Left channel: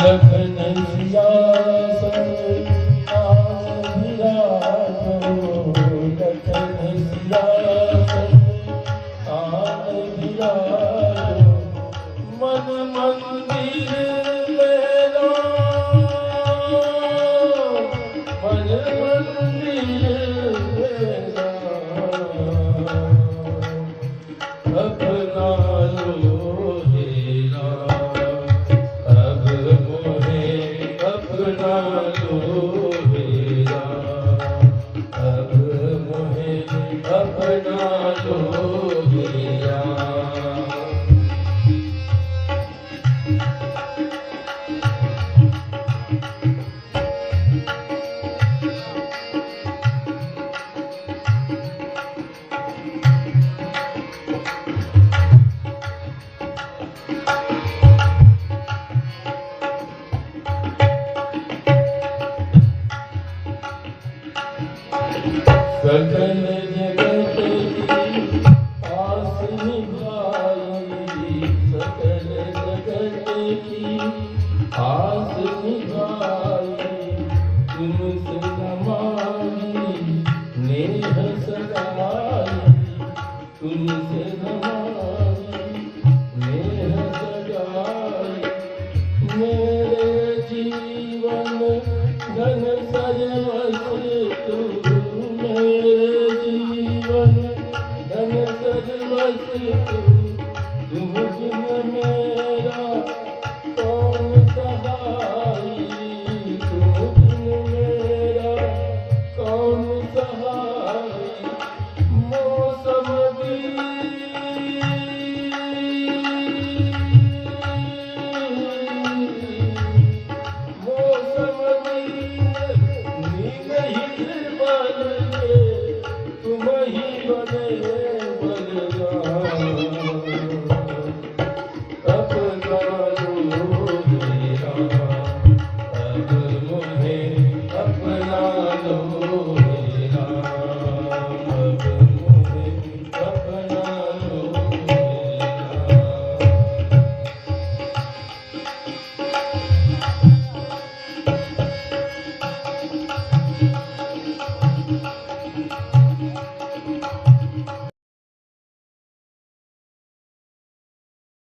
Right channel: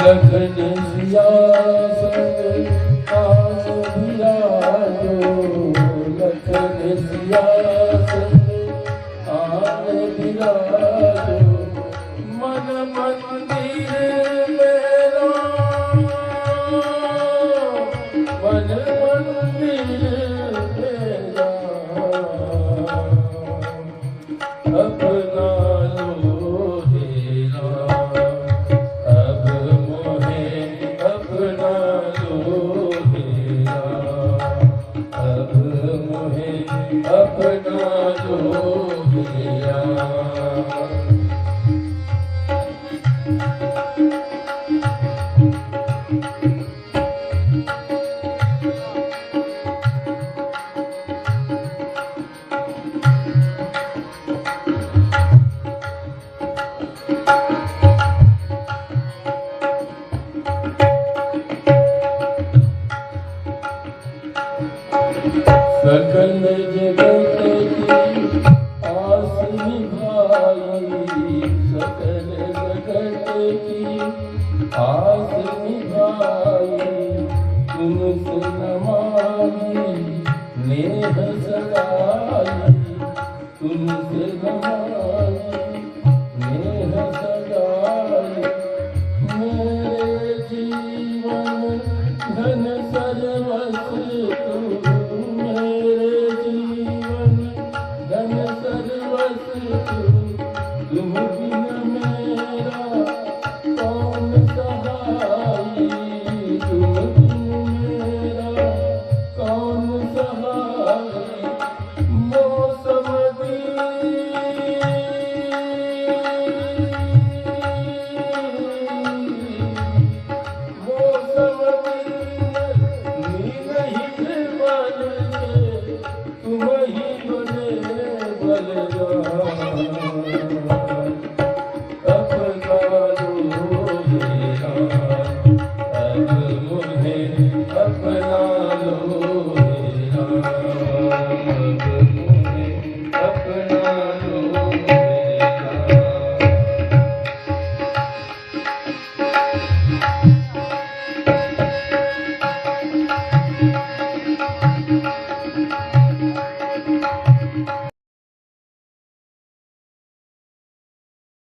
लखन सिया संग आन बिराजो, लखन सिया संग आन बिराजो, मन मंदिर मेरा, मन मंदिर मेरा, अपना लो हेरा, अब मोहे अपना लो हेरा, अब मोहे अपना लो हेरा। सकल जगत की आस निभाई, सकल जगत की आस निभाई, तुमसे नमामि नेह सगाई, तुमसे नमामि नेह सगाई, मेरे जीवन धन सर्वस्व मेरे जीवन धन सर्वस्व तुम